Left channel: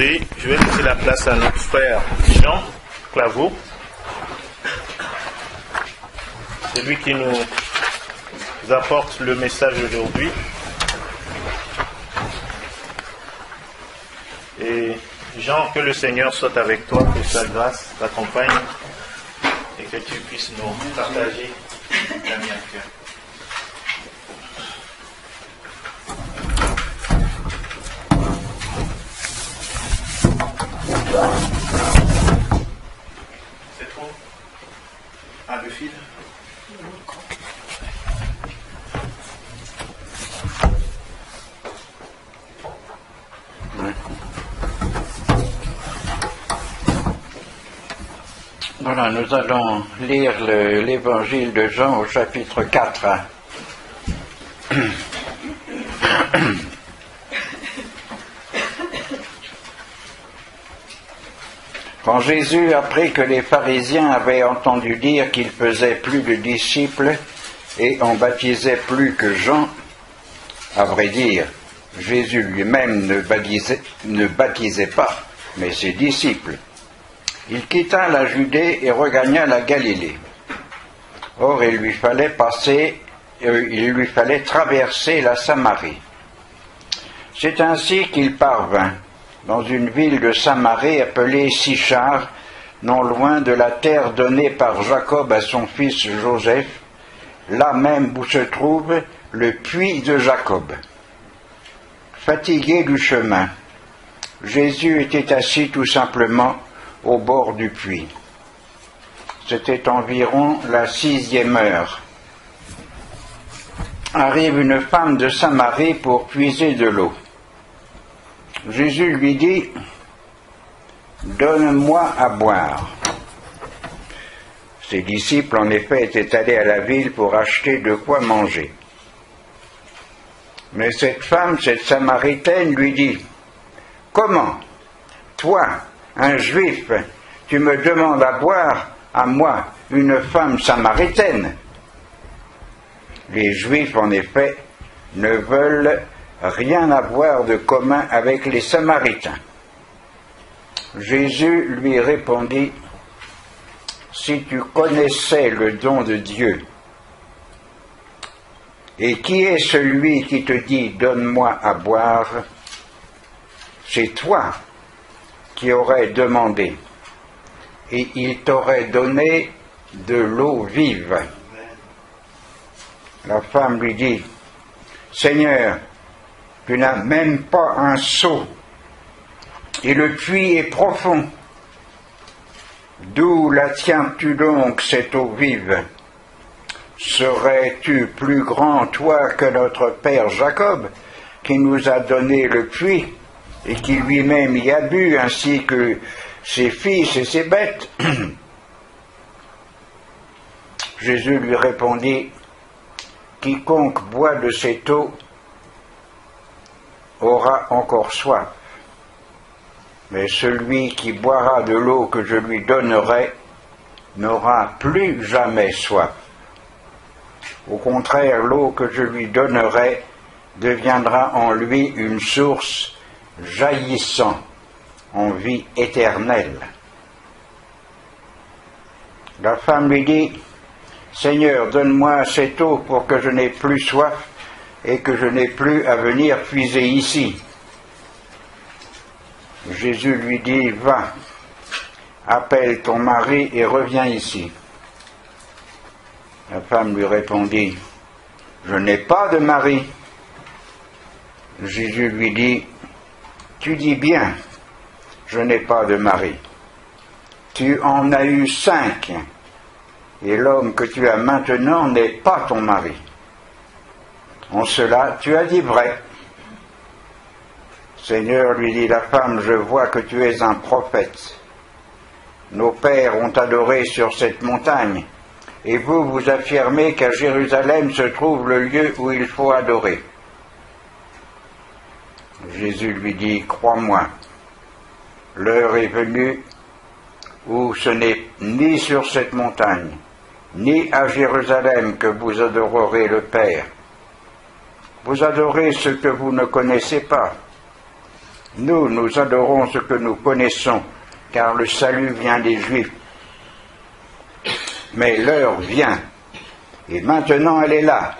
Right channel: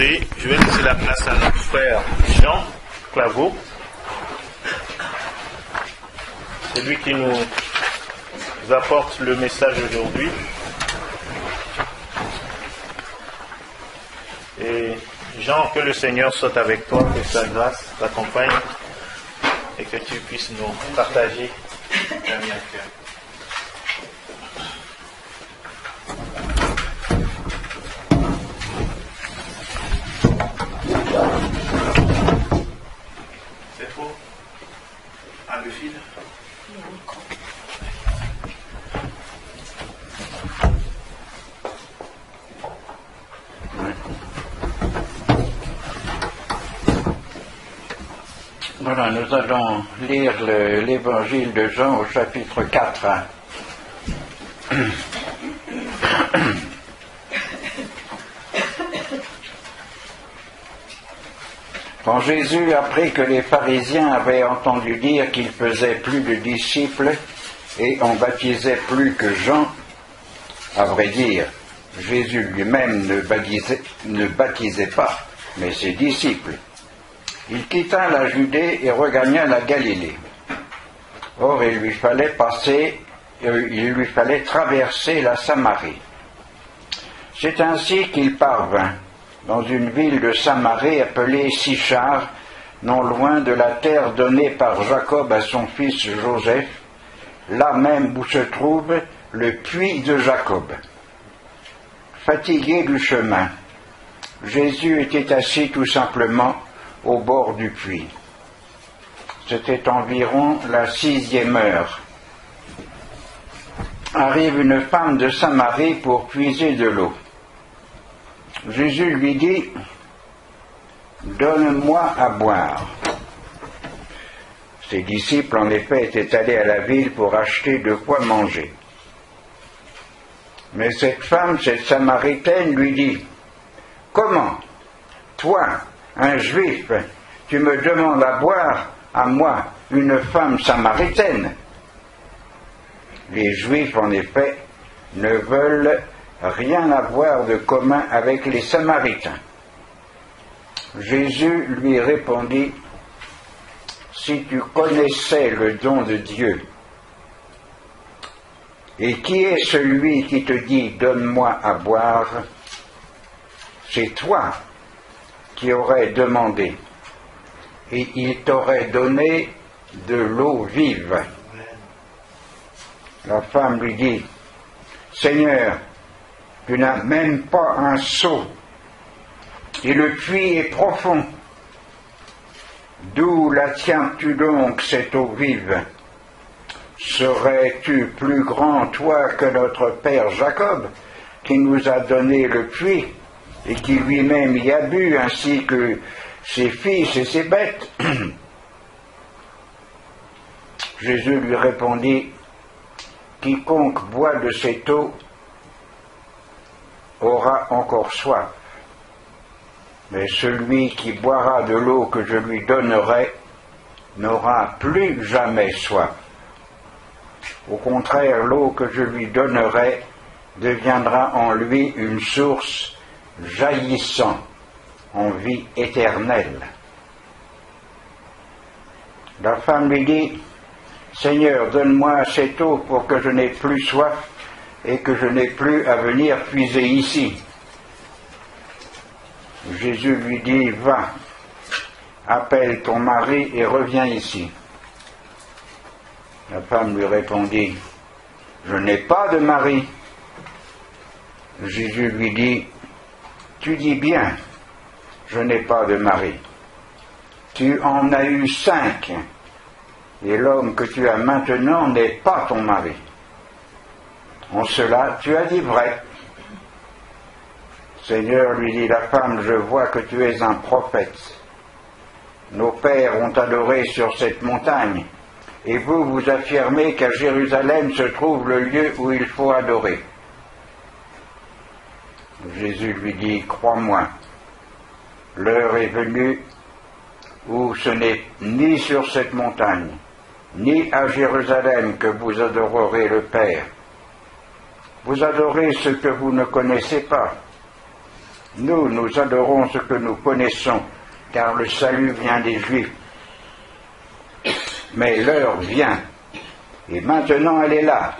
m'accorder, je vais laisser la place à notre frère Jean Claveau. C'est lui qui nous apporte le message aujourd'hui. Et Jean, que le Seigneur soit avec toi, que sa grâce t'accompagne et que tu puisses nous partager ta vie à cœur. C'est trop? Le fil? Voilà, nous allons lire l'évangile de Jean au chapitre 4. Quand Jésus apprit que les pharisiens avaient entendu dire qu'il faisait plus de disciples et en baptisait plus que Jean, à vrai dire, Jésus lui-même ne baptisait pas, mais ses disciples, il quitta la Judée et regagna la Galilée. Or, il lui fallait traverser la Samarie. C'est ainsi qu'il parvint dans une ville de Samarie appelée Sychar, non loin de la terre donnée par Jacob à son fils Joseph, là même où se trouve le puits de Jacob. Fatigué du chemin, Jésus était assis tout simplement au bord du puits. C'était environ la 6e heure. Arrive une femme de Samarie pour puiser de l'eau. Jésus lui dit, « Donne-moi à boire. » Ses disciples, en effet, étaient allés à la ville pour acheter de quoi manger. Mais cette femme, cette Samaritaine, lui dit, « Comment, toi, un juif, tu me demandes à boire, à moi, une femme samaritaine ?» Les juifs, en effet, ne veulent rien avoir de commun avec les samaritains. Jésus lui répondit, « Si tu connaissais le don de Dieu, et qui est celui qui te dit « Donne-moi à boire », c'est toi qui aurais demandé, et il t'aurait donné de l'eau vive. La femme lui dit, « Seigneur, tu n'as même pas un seau, et le puits est profond. D'où la tiens-tu donc, cette eau vive? Serais-tu plus grand, toi, que notre père Jacob, qui nous a donné le puits, et qui lui-même y a bu, ainsi que ses fils et ses bêtes? » Jésus lui répondit, « Quiconque boit de cette eau aura encore soif. Mais celui qui boira de l'eau que je lui donnerai n'aura plus jamais soif. Au contraire, l'eau que je lui donnerai deviendra en lui une source jaillissant en vie éternelle. » La femme lui dit, « Seigneur, donne-moi cette eau pour que je n'ai plus soif et que je n'ai plus à venir puiser ici. » Jésus lui dit, « Va, appelle ton mari et reviens ici. » La femme lui répondit, « Je n'ai pas de mari. » Jésus lui dit, « Tu dis bien, je n'ai pas de mari. Tu en as eu 5, et l'homme que tu as maintenant n'est pas ton mari. En cela, tu as dit vrai. » Seigneur, lui dit la femme, je vois que tu es un prophète. Nos pères ont adoré sur cette montagne, et vous, vous affirmez qu'à Jérusalem se trouve le lieu où il faut adorer. Jésus lui dit, crois-moi, l'heure est venue où ce n'est ni sur cette montagne, ni à Jérusalem que vous adorerez le Père. Vous adorez ce que vous ne connaissez pas. Nous adorons ce que nous connaissons, car le salut vient des Juifs. Mais l'heure vient, et maintenant elle est là,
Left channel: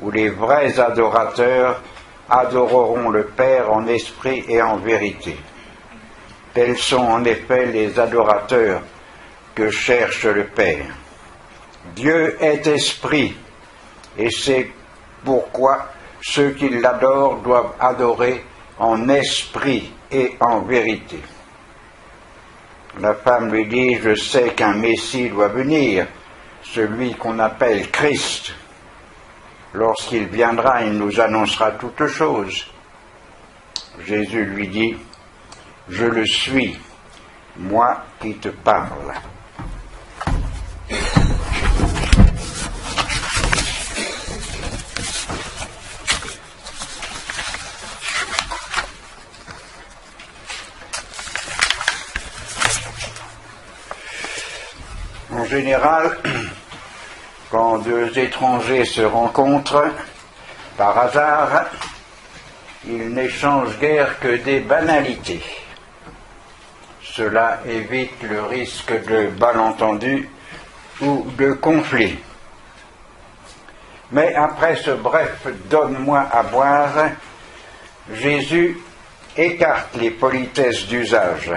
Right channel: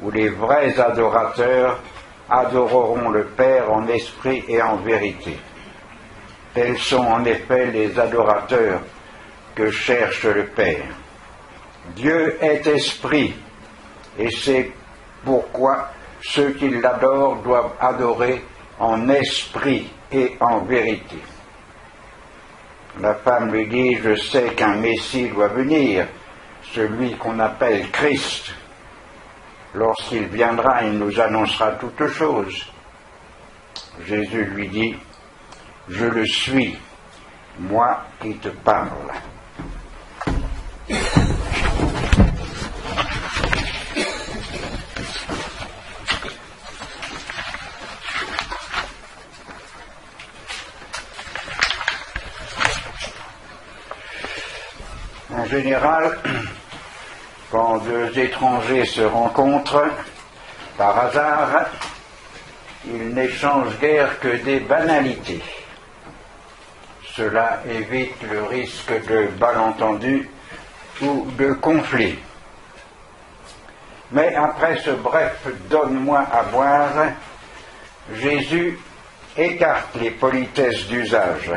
où les vrais adorateurs adoreront le Père en esprit et en vérité. Tels sont en effet les adorateurs que cherche le Père. Dieu est esprit, et c'est pourquoi ceux qui l'adorent doivent adorer en esprit et en vérité. La femme lui dit, je sais qu'un Messie doit venir, celui qu'on appelle Christ. Lorsqu'il viendra, il nous annoncera toutes choses. Jésus lui dit, je le suis, moi qui te parle. En général, quand deux étrangers se rencontrent, par hasard, ils n'échangent guère que des banalités. Cela évite le risque de malentendus ou de conflits. Mais après ce bref « donne-moi à boire », Jésus écarte les politesses d'usage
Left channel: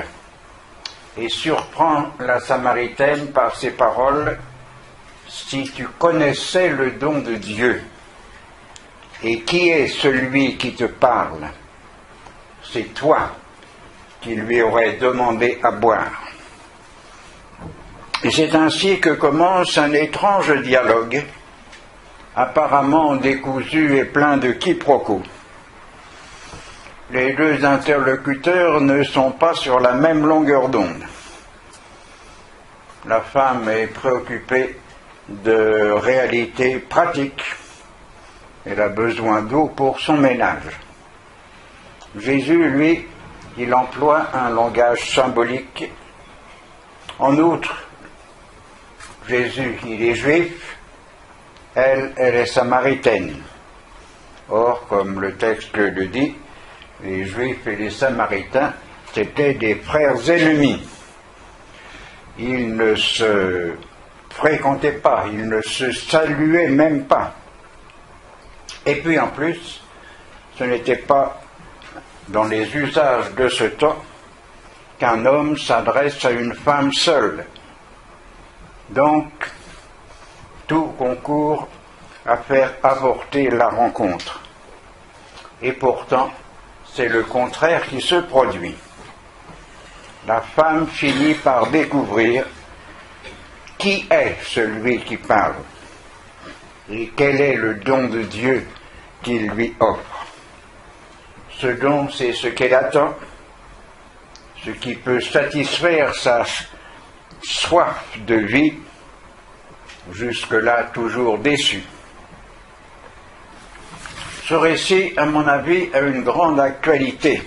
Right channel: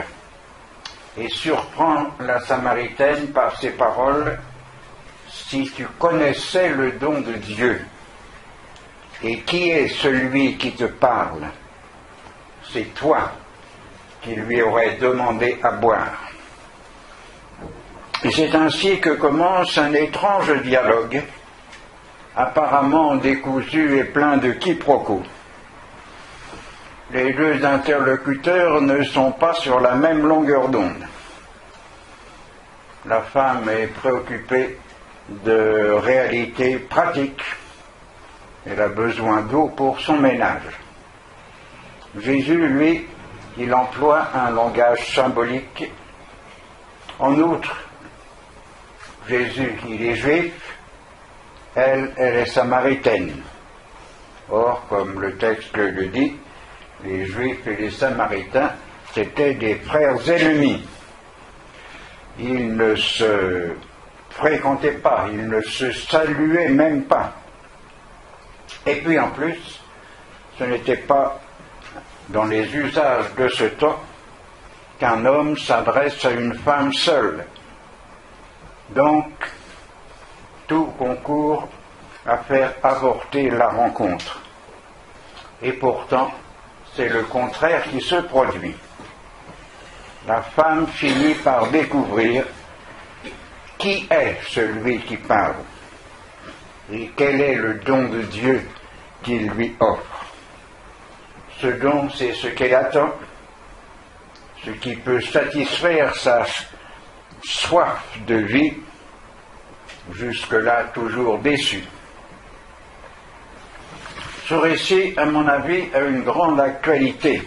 et surprend la Samaritaine par ces paroles « Si tu connaissais le don de Dieu, et qui est celui qui te parle, c'est toi qui lui aurais demandé à boire. » Et c'est ainsi que commence un étrange dialogue, apparemment décousu et plein de quiproquos. Les deux interlocuteurs ne sont pas sur la même longueur d'onde. La femme est préoccupée de réalités pratiques. Elle a besoin d'eau pour son ménage. Jésus, lui, il emploie un langage symbolique. En outre, Jésus, il est juif, elle est samaritaine. Or, comme le texte le dit, les Juifs et les Samaritains, c'étaient des frères ennemis. Ils ne se fréquentaient pas, ils ne se saluaient même pas. Et puis en plus, ce n'était pas dans les usages de ce temps qu'un homme s'adresse à une femme seule. Donc, tout concourt à faire avorter la rencontre. Et pourtant, c'est le contraire qui se produit. La femme finit par découvrir qui est celui qui parle et quel est le don de Dieu qu'il lui offre. Ce don, c'est ce qu'elle attend, ce qui peut satisfaire sa soif de vie, jusque-là toujours déçue. Ce récit, à mon avis, a une grande actualité,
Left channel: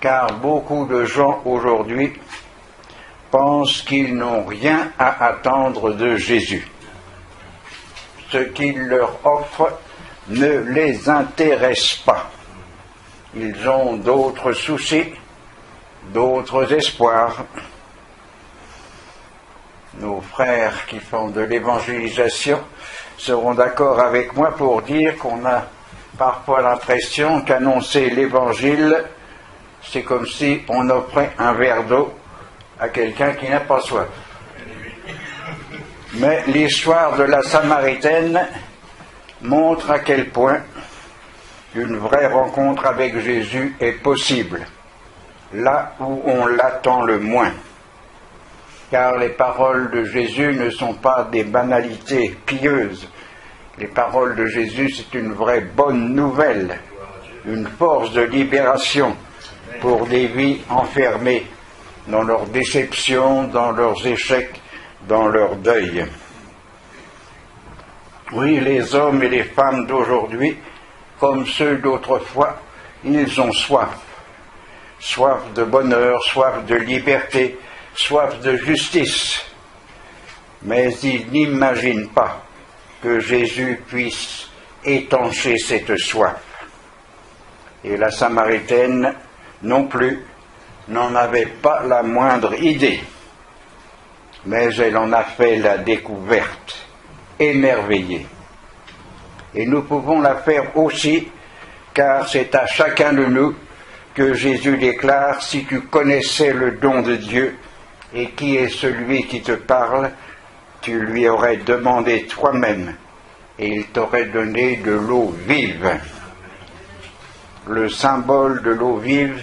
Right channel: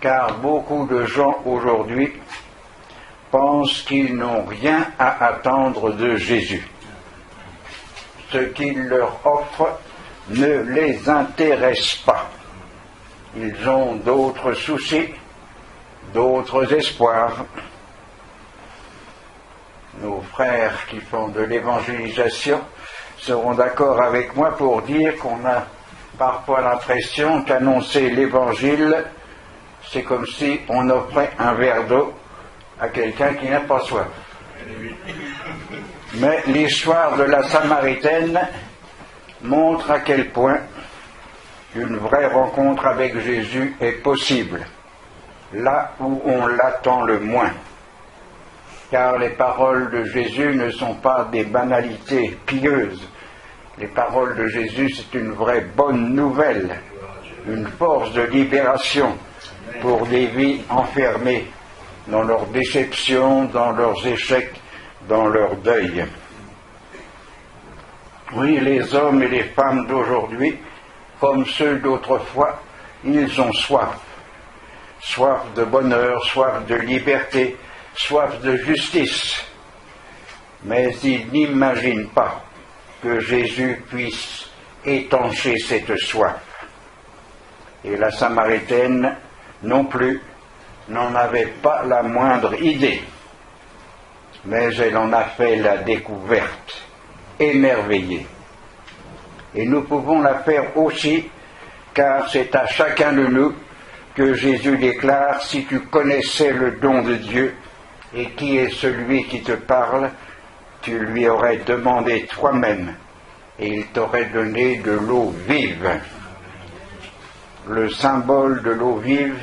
car beaucoup de gens aujourd'hui pensent qu'ils n'ont rien à attendre de Jésus. Ce qu'il leur offre ne les intéresse pas. Ils ont d'autres soucis, d'autres espoirs. Nos frères qui font de l'évangélisation seront d'accord avec moi pour dire qu'on a parfois l'impression qu'annoncer l'évangile, c'est comme si on offrait un verre d'eau à quelqu'un qui n'a pas soif. Mais l'histoire de la Samaritaine montre à quel point une vraie rencontre avec Jésus est possible, là où on l'attend le moins. Car les paroles de Jésus ne sont pas des banalités pieuses. Les paroles de Jésus, c'est une vraie bonne nouvelle, une force de libération pour des vies enfermées dans leurs déceptions, dans leurs échecs, dans leur deuil. Oui, les hommes et les femmes d'aujourd'hui, comme ceux d'autrefois, ils ont soif. Soif de bonheur, soif de liberté, soif de justice. Mais ils n'imaginent pas que Jésus puisse étancher cette soif. Et la Samaritaine non plus n'en avait pas la moindre idée, mais elle en a fait la découverte, émerveillée. Et nous pouvons la faire aussi, car c'est à chacun de nous que Jésus déclare: si tu connaissais le don de Dieu et qui est celui qui te parle, tu lui aurais demandé toi-même et il t'aurait donné de l'eau vive. Le symbole de l'eau vive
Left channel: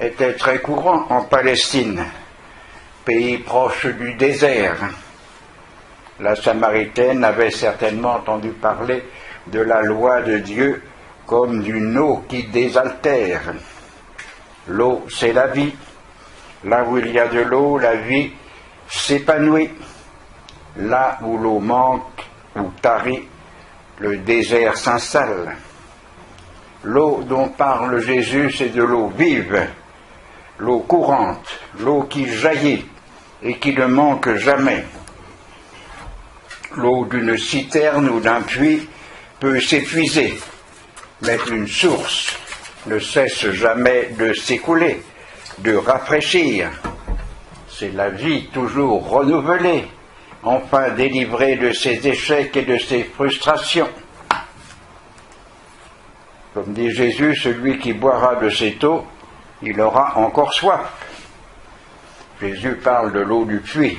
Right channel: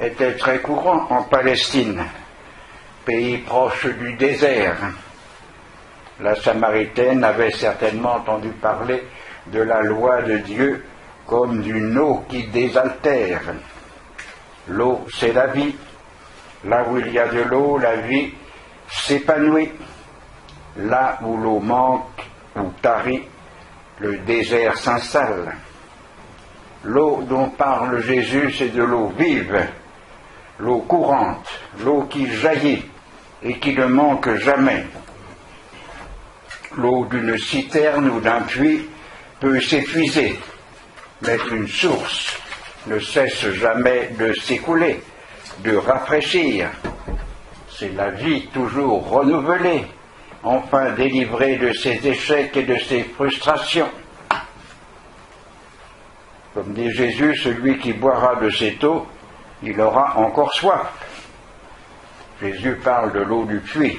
était très courant en Palestine, pays proche du désert. La Samaritaine avait certainement entendu parler de la loi de Dieu comme d'une eau qui désaltère. L'eau, c'est la vie. Là où il y a de l'eau, la vie s'épanouit. Là où l'eau manque ou tarit, le désert s'installe. L'eau dont parle Jésus, c'est de l'eau vive, l'eau courante, l'eau qui jaillit et qui ne manque jamais. L'eau d'une citerne ou d'un puits peut s'épuiser, mais une source ne cesse jamais de s'écouler, de rafraîchir. C'est la vie toujours renouvelée, enfin délivrée de ses échecs et de ses frustrations. Comme dit Jésus, celui qui boira de cette eau, il aura encore soif. Jésus parle de l'eau du puits,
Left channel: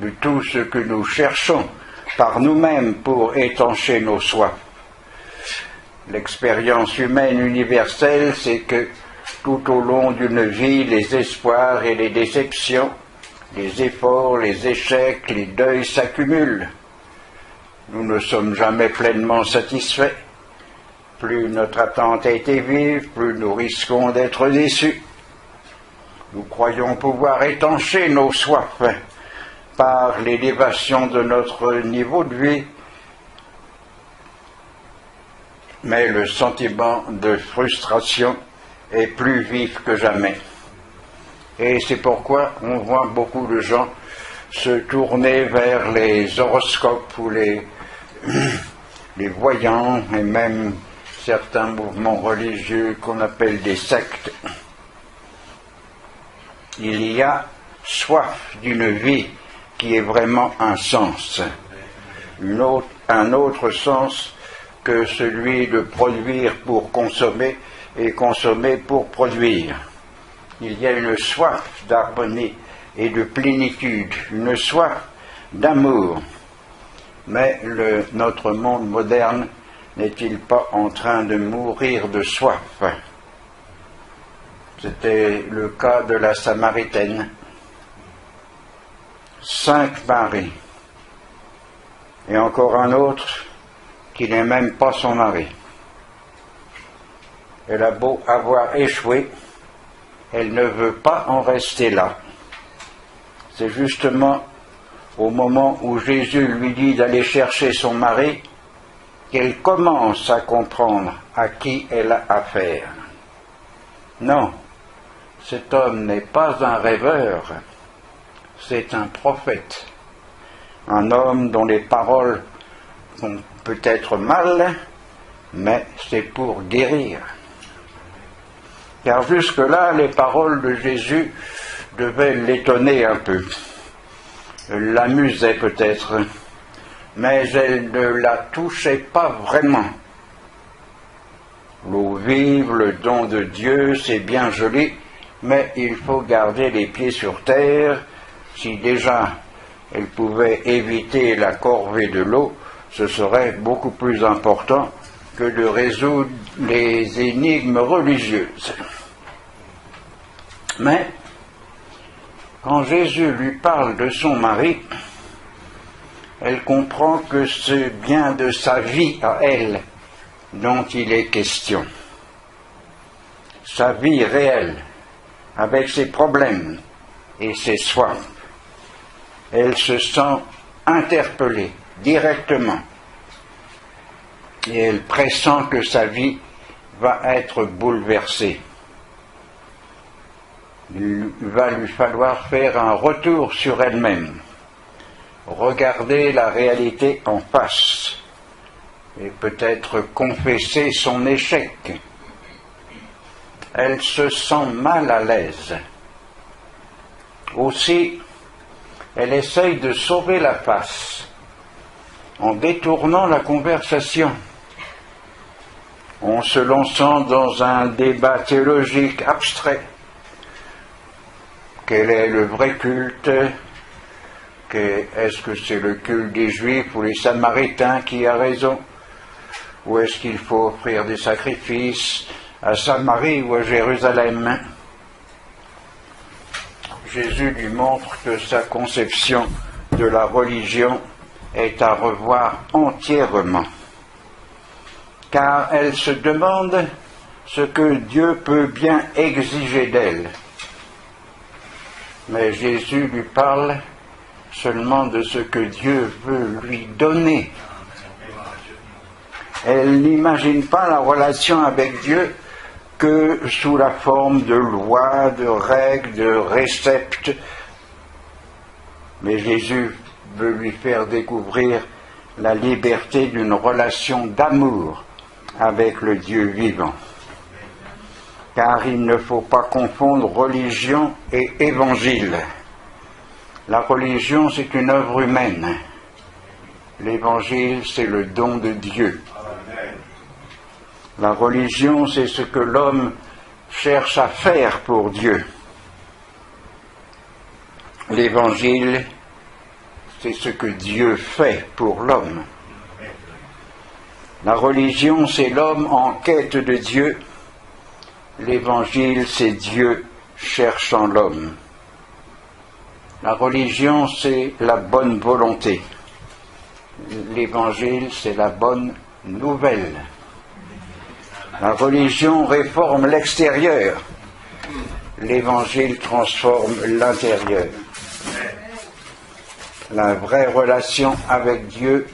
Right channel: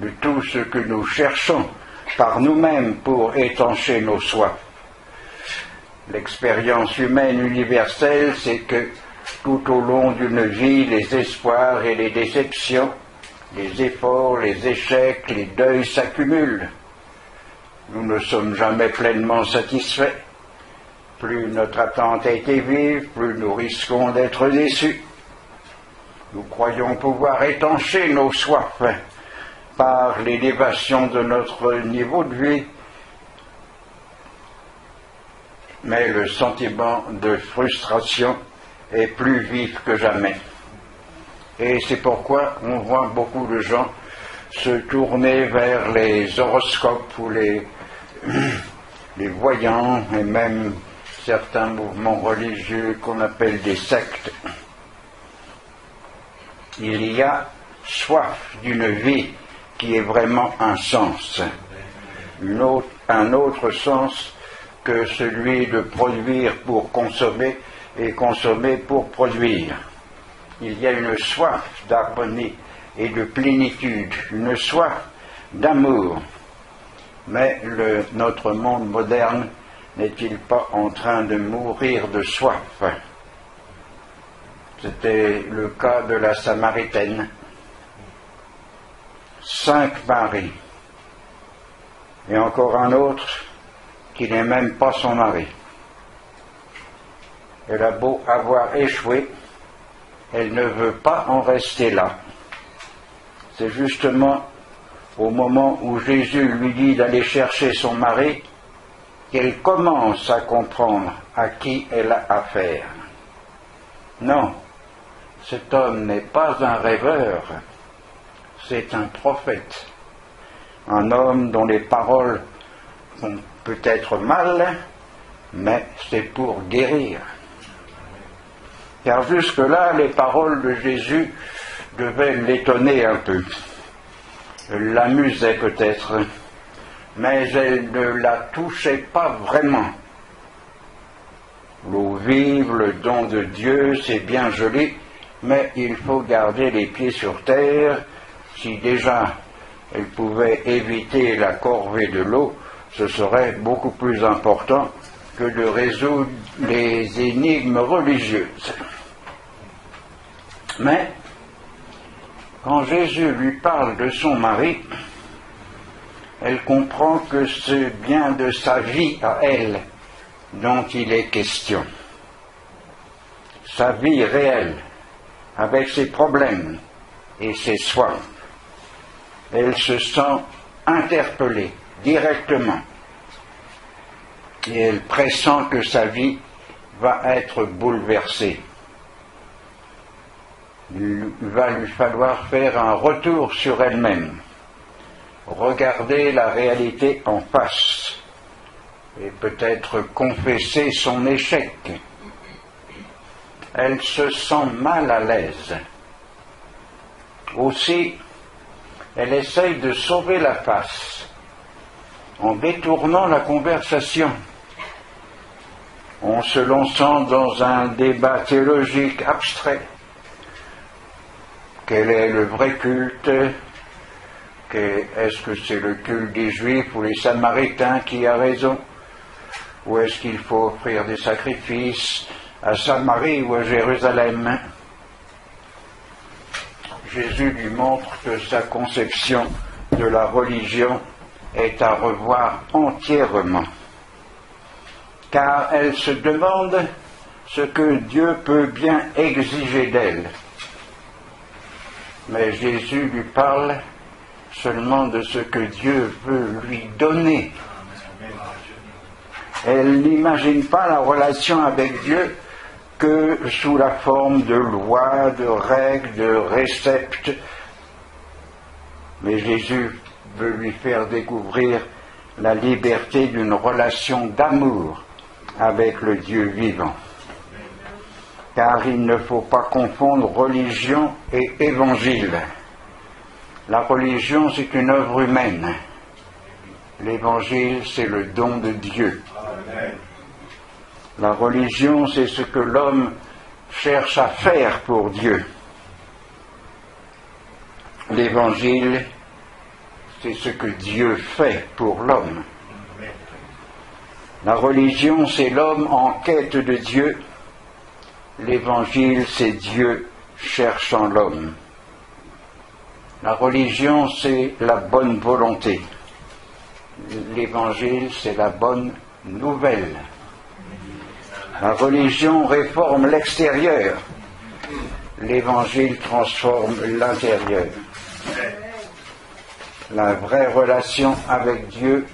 de tout ce que nous cherchons par nous-mêmes pour étancher nos soifs. L'expérience humaine universelle, c'est que tout au long d'une vie, les espoirs et les déceptions, les efforts, les échecs, les deuils s'accumulent. Nous ne sommes jamais pleinement satisfaits. Plus notre attente a été vive, plus nous risquons d'être déçus. Nous croyons pouvoir étancher nos soifs par l'élévation de notre niveau de vie, mais le sentiment de frustration est plus vif que jamais. Et c'est pourquoi on voit beaucoup de gens se tourner vers les horoscopes ou les voyants et même certains mouvements religieux qu'on appelle des sectes. Il y a soif d'une vie qui est vraiment un sens, un autre sens que celui de produire pour consommer et consommer pour produire. Il y a une soif d'harmonie et de plénitude, une soif d'amour. Mais notre monde moderne n'est-il pas en train de mourir de soif? C'était le cas de la Samaritaine. 5 paris. Et encore un autre qui n'est même pas son mari. Elle a beau avoir échoué, elle ne veut pas en rester là. C'est justement au moment où Jésus lui dit d'aller chercher son mari qu'elle commence à comprendre à qui elle a affaire. Non, cet homme n'est pas un rêveur, c'est un prophète, un homme dont les paroles font peut-être mal, mais c'est pour guérir. Car jusque-là, les paroles de Jésus devaient l'étonner un peu, l'amusaient peut-être, mais elles ne la touchaient pas vraiment. L'eau vive, le don de Dieu, c'est bien joli, mais il faut garder les pieds sur terre. Si déjà elle pouvait éviter la corvée de l'eau, ce serait beaucoup plus important que de résoudre les énigmes religieuses. Mais, quand Jésus lui parle de son mari, elle comprend que c'est bien de sa vie à elle dont il est question. Sa vie réelle, avec ses problèmes et ses soifs. Elle se sent interpellée directement. Et elle pressent que sa vie va être bouleversée. Il va lui falloir faire un retour sur elle-même, regarder la réalité en face et peut-être confesser son échec, elle se sent mal à l'aise. Aussi, elle essaye de sauver la face en détournant la conversation, en se lançant dans un débat théologique abstrait. Quel est le vrai culte? Est-ce que c'est le culte des Juifs ou les Samaritains qui a raison? Ou est-ce qu'il faut offrir des sacrifices à Samarie ou à Jérusalem? Jésus lui montre que sa conception de la religion est à revoir entièrement, car elle se demande ce que Dieu peut bien exiger d'elle. Mais Jésus lui parle seulement de ce que Dieu veut lui donner. Elle n'imagine pas la relation avec Dieu que sous la forme de lois, de règles, de réceptes. Mais Jésus veut lui faire découvrir la liberté d'une relation d'amour avec le Dieu vivant. Car il ne faut pas confondre religion et évangile. La religion, c'est une œuvre humaine. L'évangile, c'est le don de Dieu. La religion, c'est ce que l'homme cherche à faire pour Dieu. L'évangile, c'est ce que Dieu fait pour l'homme. La religion, c'est l'homme en quête de Dieu. L'évangile, c'est Dieu cherchant l'homme. La religion, c'est la bonne volonté. L'évangile, c'est la bonne nouvelle. La religion réforme l'extérieur. L'évangile transforme l'intérieur. La vraie relation avec Dieu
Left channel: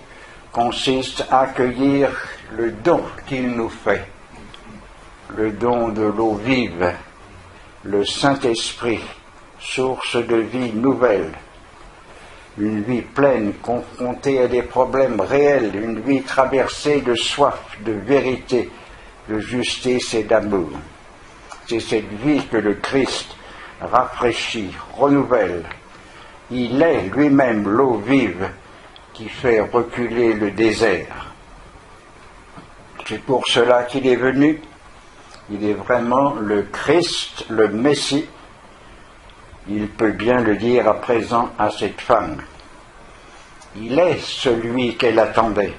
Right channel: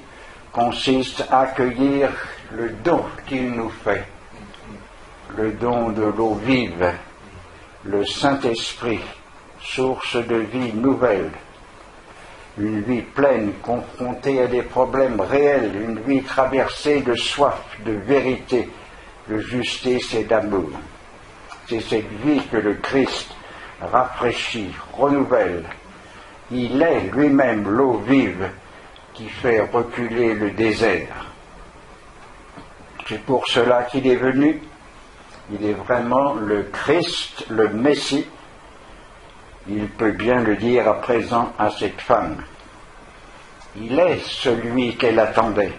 consiste à accueillir le don qu'il nous fait. Le don de l'eau vive, le Saint-Esprit, source de vie nouvelle. Une vie pleine, confrontée à des problèmes réels, une vie traversée de soif, de vérité, de justice et d'amour. C'est cette vie que le Christ rafraîchit, renouvelle. Il est lui-même l'eau vive qui fait reculer le désert. C'est pour cela qu'il est venu. Il est vraiment le Christ, le Messie. Il peut bien le dire à présent à cette femme. Il est celui qu'elle attendait,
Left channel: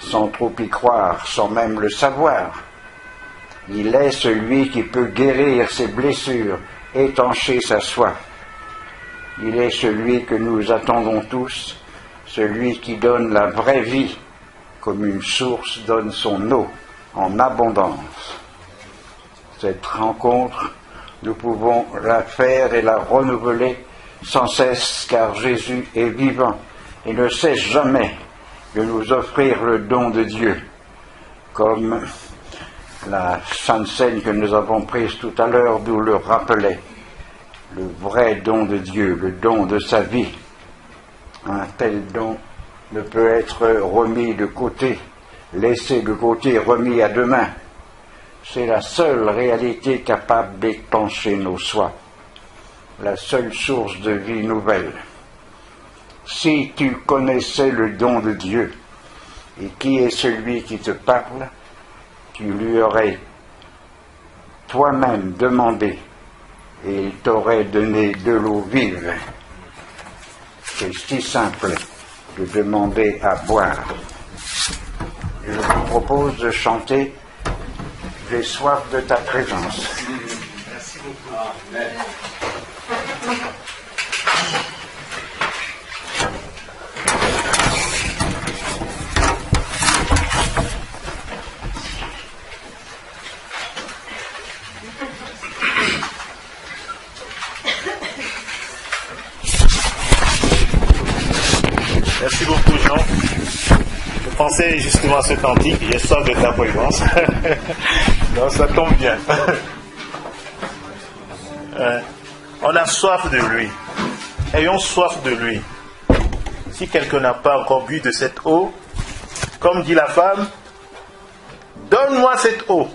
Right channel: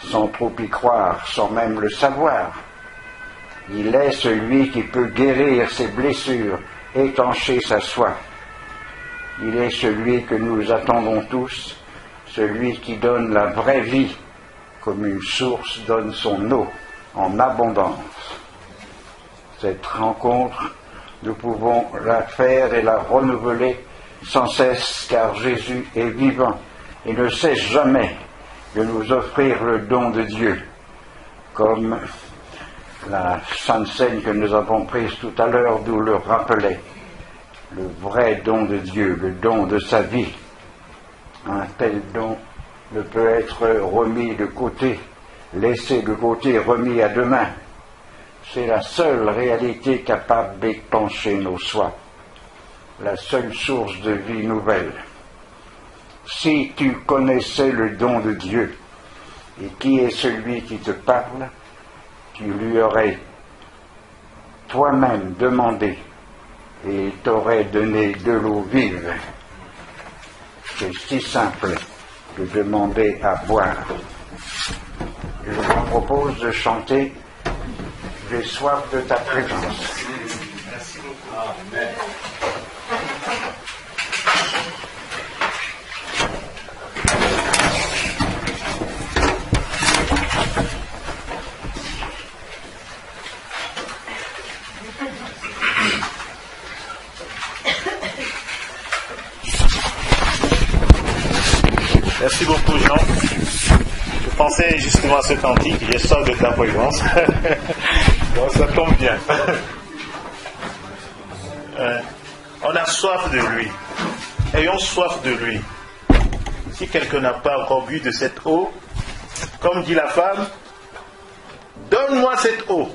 sans trop y croire, sans même le savoir. Il est celui qui peut guérir ses blessures, étancher sa soif. Il est celui que nous attendons tous, celui qui donne la vraie vie, comme une source donne son eau en abondance. Cette rencontre, nous pouvons la faire et la renouveler sans cesse, car Jésus est vivant et ne cesse jamais de nous offrir le don de Dieu, comme la Sainte Seine que nous avons prise tout à l'heure nous le rappelait. Le vrai don de Dieu, le don de sa vie. Un tel don ne peut être remis de côté, laissé de côté, remis à demain. C'est la seule réalité capable d'épancher nos soins, la seule source de vie nouvelle. Si tu connaissais le don de Dieu, et qui est celui qui te parle, tu lui aurais toi-même demandé, et il t'aurait donné de l'eau vive. C'est si simple de demander à boire. Je vous propose de chanter « J'ai soif de ta présence ». Merci beaucoup. Amen. Merci beaucoup, Jean. Je pensais justement à ce cantique, j'ai soif de ta présence. Donc ça tombe bien. On a soif de lui. Ayons soif de lui. Si quelqu'un n'a pas encore bu de cette eau, comme dit la femme, donne-moi cette eau,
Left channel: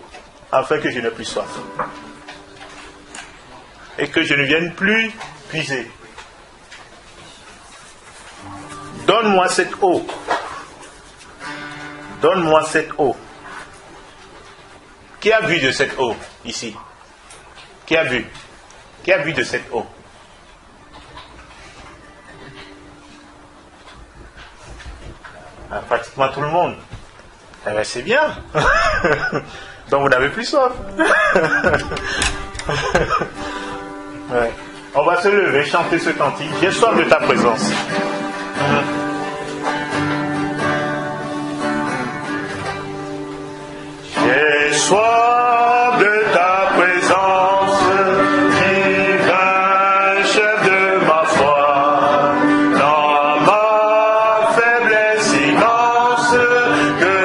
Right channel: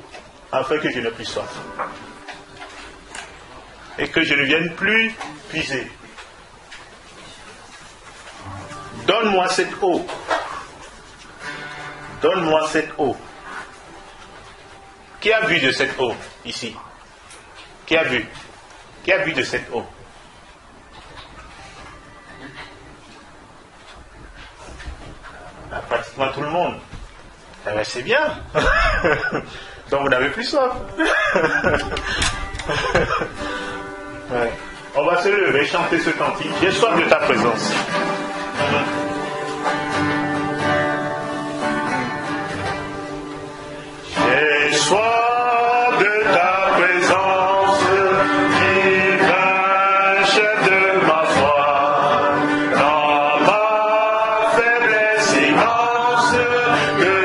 afin que je n'ai plus soif. et que je ne vienne plus puiser. Donne-moi cette eau. Donne-moi cette eau. Qui a bu de cette eau ici? Qui a bu? Qui a bu de cette eau? Ah, pratiquement tout le monde. Eh bien, c'est bien. Donc vous n'avez plus soif. Ouais. On va se lever, chanter ce cantique. J'ai soif de ta présence. J'ai soif de ta présence, divin chef de ma foi, dans ma faiblesse immense, que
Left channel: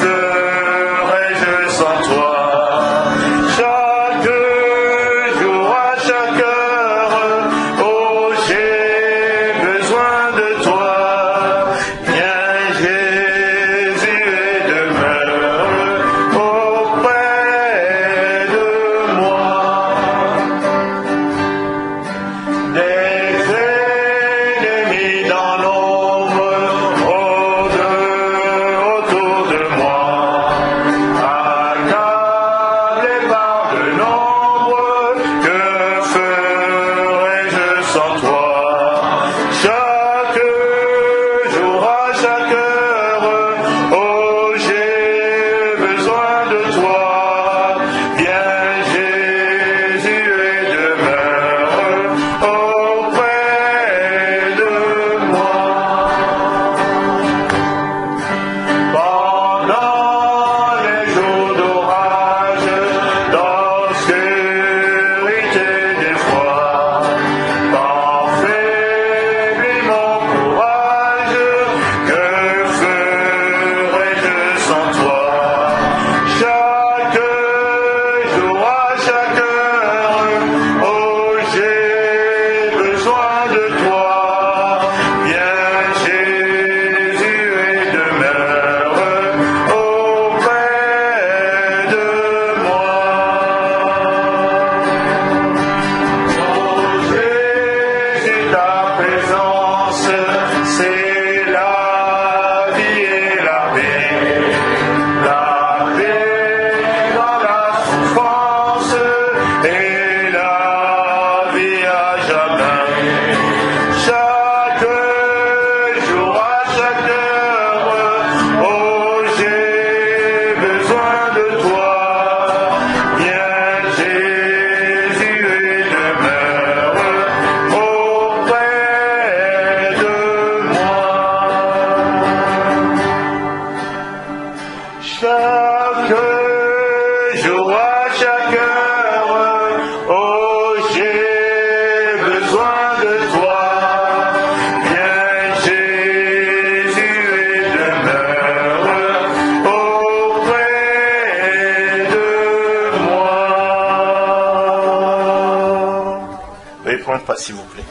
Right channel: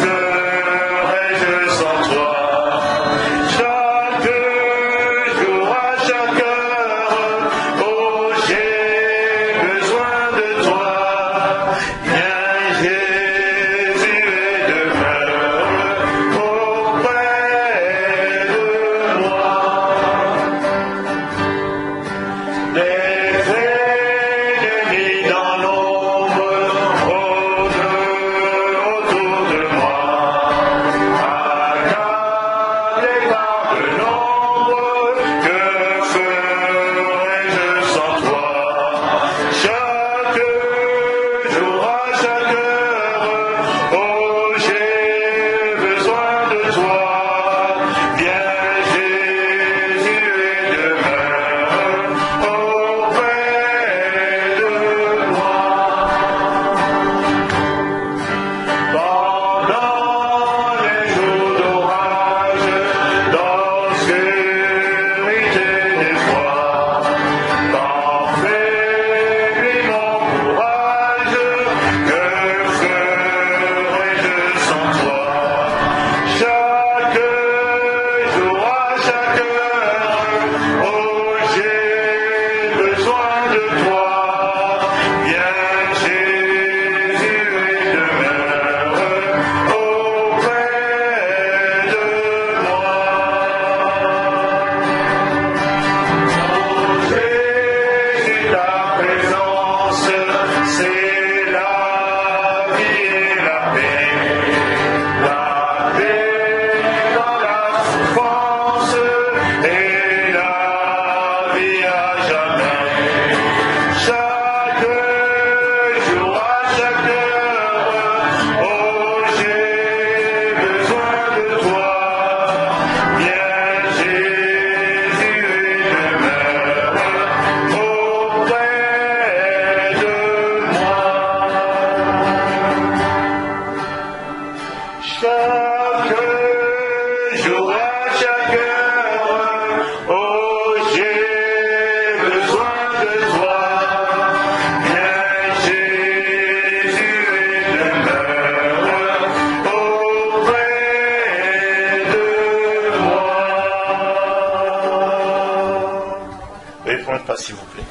ferais-je sans toi? Chaque jour, à chaque heure, oh j'ai besoin de toi, viens Jésus et demeure auprès de moi. Des ennemis dans l'ombre autour de moi, accablés par le nombre, que ferais-je sans toi? Chaque jour, à chaque heure, oh j'ai besoin de toi, viens Jésus et demeure auprès de moi. Pendant les jours d'orage, d'obscurité d'effroi, quand faiblit mon courage, que ferais-je sans toi? Chaque jour, à chaque heure, oh j'ai besoin de toi, viens Jésus et demeure auprès de moi. Oh Jésus, ta présence, c'est la vie et la paix. La paix dans la souffrance et la vie à jamais. Chaque jour, à chaque heure, oh j'ai besoin de toi, viens Jésus et demeure auprès de moi. Chaque jour, à chaque heure, oh j'ai besoin de toi, viens Jésus et demeure auprès de moi. Veuillez prendre place s'il vous plaît.